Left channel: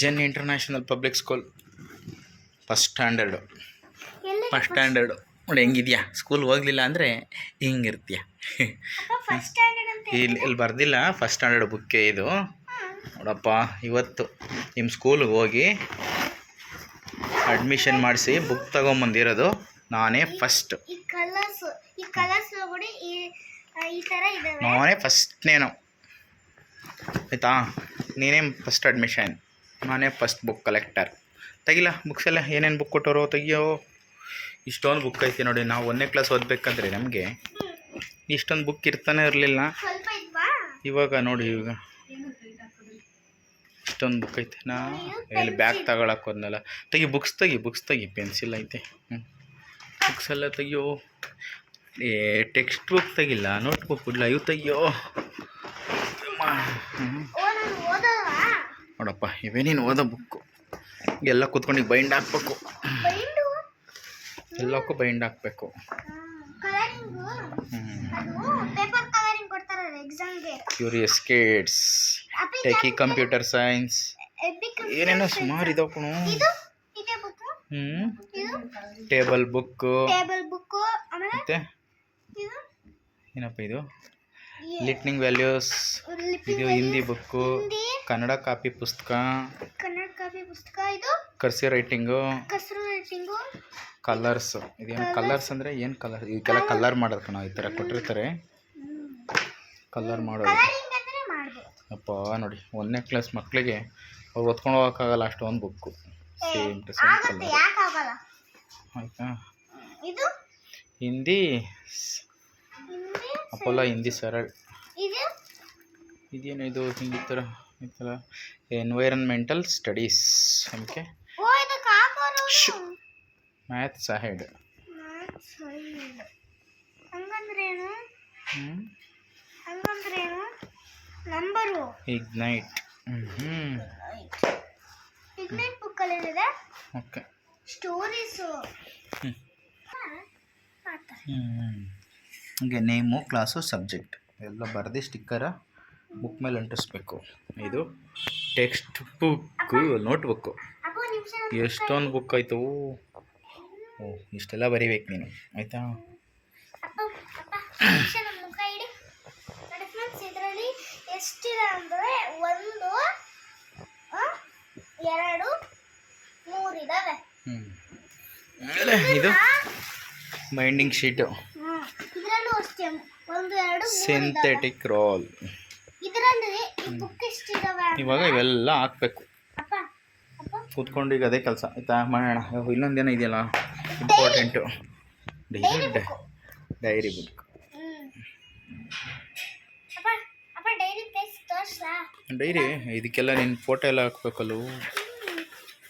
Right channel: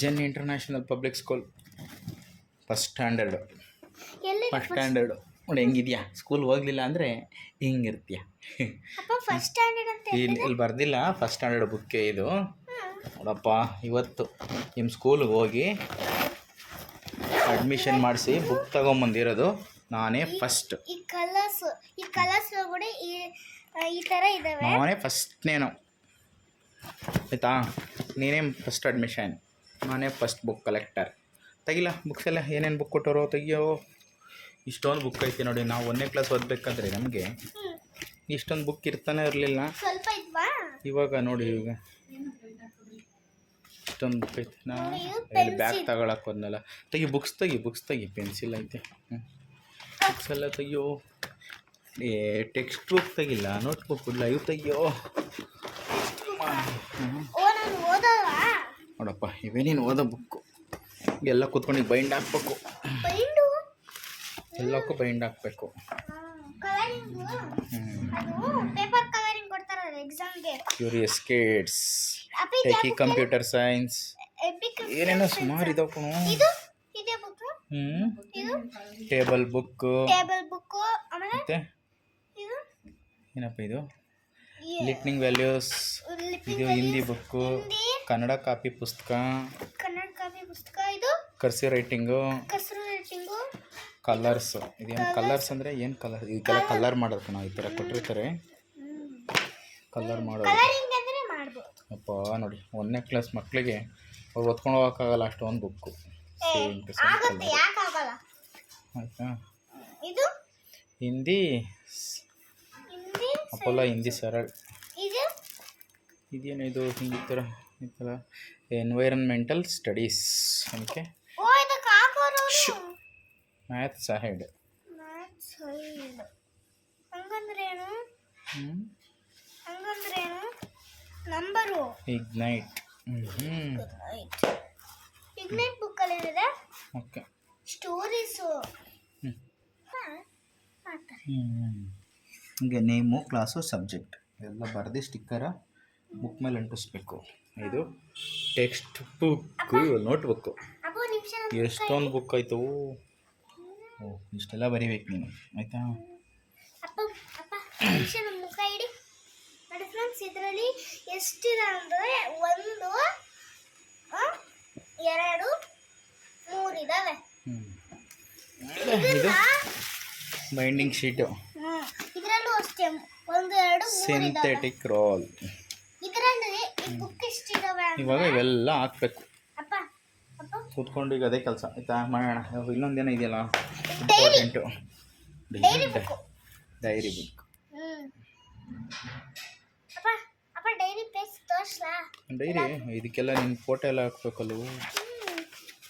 Zen international public school first standard first standard ನೋಡಿ ಹೆಂಗಿದ್ಯಾ? School ಹೋಗ್ಲಿಲ್ಲ ಅಂದರೆ ಹಿಂಗಿರ್ತೀಯ? ಇಲ್ಲಿ ಇಲ್ಲಿ ಬರ್ದಿಲ್ಲ. ಫಸ್ಟ್ ಸ್ಟ್ಯಾಂಡರ್ಡ್ ಬುಕ್ಕೇ ಇದು. ನೋಡಪ್ಪ ಇವತ್ತು ನಿಮ್ಮ ಸ್ಕೂಲ್ಗೆ ಹೋಗಿ ಅಡ್ಮಿಷನ್ ಮಾಡಿಸಿ ಬುಕ್ ತಗೊಂಬಂದಿರೋದು ನಾನೇ ಫಸ್ಟ್ ನಾನೇ ಫಸ್ಟ್ನೇನು ಆಯಿತಾ? ನೀನೇ ಫಸ್ಟ್ ಅಡ್ಮಿಷನ್ ನಾನೇ ಫಸ್ಟ್ ಬುಕ್ ಕಲೆಕ್ಟರ್ ತೆಗಿಲ್ಲ ಬುಕ್ಸ್ ಎಲ್ಲ ಏನೇನು ಬುಕ್ ಕೊಟ್ಟರೋ ತೆಗಿಯೋ? ಇಷ್ಟೊಂದು ಬುಕ್ ಐತೆ ನೋಡಿ, ನಾವು ಒಂದನೇ ಕ್ಲಾಸ್ ಓದಬೇಕಂದ್ರೆ ನಮಗೆ ಇಷ್ಟೊಂದು ಬುಕ್ ಇರ್ತಾನೆ ಇರಲಿಲ್ಲ. ಇವಾಗ ನೋಡಿ ಇವಾಗ. ಇಷ್ಟೊಂದು ಬುಕ್ ಐತೆ. ನಾ ಇಲ್ಲಿ ಬ್ಯಾಗ್ ತಗೊಳಕ್ಕೆ ಹೋದ್ನಲ್ಲ. ತೆಗಿ ಬುಕ್ಸ್ ತೆಗಿ ಬುಕ್ಸ್ ತೆಗಿ ಪೆನ್ಸಿಲ್ ಐತೆ. ಹ್ಞೂ ಬುಕ್ಸ್ ಎಲ್ಲ ತೆಗಿಯೋ? ಏ ಟೆಕ್ಸ್ಟ್ ಬುಕ್ ತೆಗಿಲ್ಲ ನೋಟ್ ಬುಕ್ ಇವು ತೆಗಿಯೋ? ಹ್ಞೂ ನೋಡಪ್ಪ ಇವೇ ನೀನು ಓದೋ ಬುಕ್ಕು ಎಲ್ಲ ಕೂತ್ಕೊಂಡು ಬೈಂಡ್ ಹಾಕ್ಬೇಕು. ಎಲ್ಲಕ್ಕೂ ಬೈಂಡ್ ಹಾಕ್ಬೇಕು. Curious kids techie computer science ಏನೇನೋ ಸುಮಾರು ಇದಾವ ಕಣು. ಹ್ಞೂ ಟೇಬಲ್ ಬುಕ್ಕು ಮತ್ತು? ಏನಪ್ಪ ಇದು? ಲಿಟ್ನಿಂಗ್ ವ್ಯಾಲ್ಯೂಸ್ ಇದು ಹಿಂದಿ ಬುಕ್ಕು ಕನ್ನಡ ಕಾಪಿ ಪುಸ್ತಕ. ಕನ್ನಡ ಕಾಪಿ ಪುಸ್ತಕ ಇದು? Cursive writing. ಕಸರು ರೈಟಿಂಗು? ಕಲರ್ಸ್ ಇದೇನು ಕಲರ್ಸ್ ಅಂದರೆ ಏನು ಕಲರ್ ಇದಕ್ಕೆಲ್ಲ ಕಲರ್ ಮಾಡೋದು ಕಣ ಈ ಥರ ಕೊಟ್ಟಿರ್ತಾರೆ. ಕಲರ್ ಮಾಡೋದು. ಅಪ್ಪ ನೋಡಿ ಒಂದನೇ ಕ್ಲಾಸ್ ಮಕ್ಕಳಿಗೆ ಅವ್ರು ಓದ್ಕೊಂಡು ಹೋಗೋಕ್ಕಾಗಲ್ಲ ಅಷ್ಟೊಂದು book same to same colour ಆಯಿತಾ? ಹಿಂದಿ. ಅಪೋಲ ಹಿಂದಿ ಸರಳ್. ಇದು? ಇದೇನು ಇದು ಹಿಂದಿ ಥರ ಈ ಥರ environmental studies side maths side ಹಂಗಂದ್ರೇನು? ಹ್ಞೂ ಹಂಗಂದ್ರೇನು? ನಂಬರು ಇಗ್ನೈಟ್ ಹ್ಞೂ ಇಗ್ನೆಟ್ ಬುಕ್ಕಲ್ಲಿ ಏನಿದೆ? ಓಕೆ ಸ್ಟೋರೀಸು ಹ್ಞೂ ಹೀಗೆ ನೇಮು ಕ್ಲಾಸು ಸಬ್ಜೆಕ್ಟ್ ಎಲ್ಲ ಬರೆದಿ ಸ್ಟಿಕ್ಕರ ಬುಕ್ ಮೇಲೆ ಅಂಟಿಸ್ಬೇಕು. ಇದು ಟೆಕ್ಸ್ಟ್ ಬುಕ್ಕು ನೋಟ್ ಬುಕ್ಕು ಎಷ್ಟೊಂದು ಬುಕ್ ಆಯಿತು. ಓ ಇಷ್ಟೆಲ್ಲ ಬರಿಬೇಕು ನೀನು. ಆಯಿತಾ? ಇದರಲ್ಲಿ ಎಷ್ಟಿದೆ ಅಂದರೆ ಒಂದು ಎರಡು ಇದು ಬೈಂಡಿಂಗ್ ಶೀಟು ಹ್ಮ್. ಇದರಲ್ಲೂ ಅಷ್ಟೇ. ಒಂದು ಎರಡು ಮೂರು ಸಿಂಥೆಟಿಕ್ ರೋಲ್ ಇದರಲ್ಲಿ ಈ ಬುಕ್ ಎಷ್ಟಿದಾವೆ ಅಂದ್ರೆ- ಇವಾಗ ಇವೆಲ್ಲ ಹಾಕ್ಬೇಕು. ಕೂತ್ಕೊಂಡು ಈಗ ಅದೇ ಕೆಲಸ. ಆಯ್ತಾ? ಮಾಡೋಣ. ಇನ್ನೊಂದೇನೋ ಇದೆಯಲ್ಲ? Important diary diary book diary ಇದಕ್ಕೆಲ್ಲ ನಿನ್ನ ಫೋಟೋ ಎಲ್ಲ ಹಾಕ್ಬೇಕಲ್ವ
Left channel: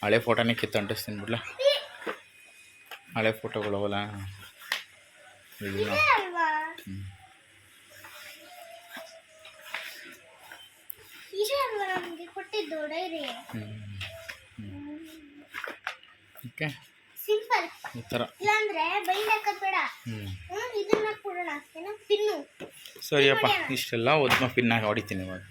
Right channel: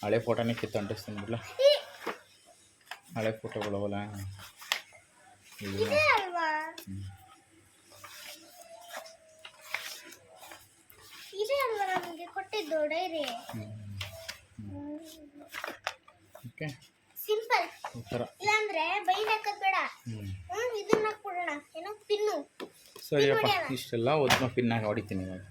ಹಳೆ ಫೋಟೋನೇ ಕಿತ್ತು ಅಂಟಿಸ್ತೀನಿ ಬಿಡ್ಲ? ಹಳೆ ಫೋಟೋಗಳು ಅವಲ್ಲ? ಓಕೆ. ಸಿಂಪಲ್ ಈ ಥರ. ಇಲ್ಲಾಂದ್ರೆ ಹಾಕೋದ್ ಬೇಡ. ಇದನ್ನ ಕೊಡೋಣ ಏನೋ ಪಿನ್ನು. ಸರಿಯಪ್ಪ ಇಷ್ಟೆಲ್ಲ ಒದ್ಮ ಪಿನ್ನಾಗಿ ಹೊಡಿತೀನಿ ಇವಾಗ.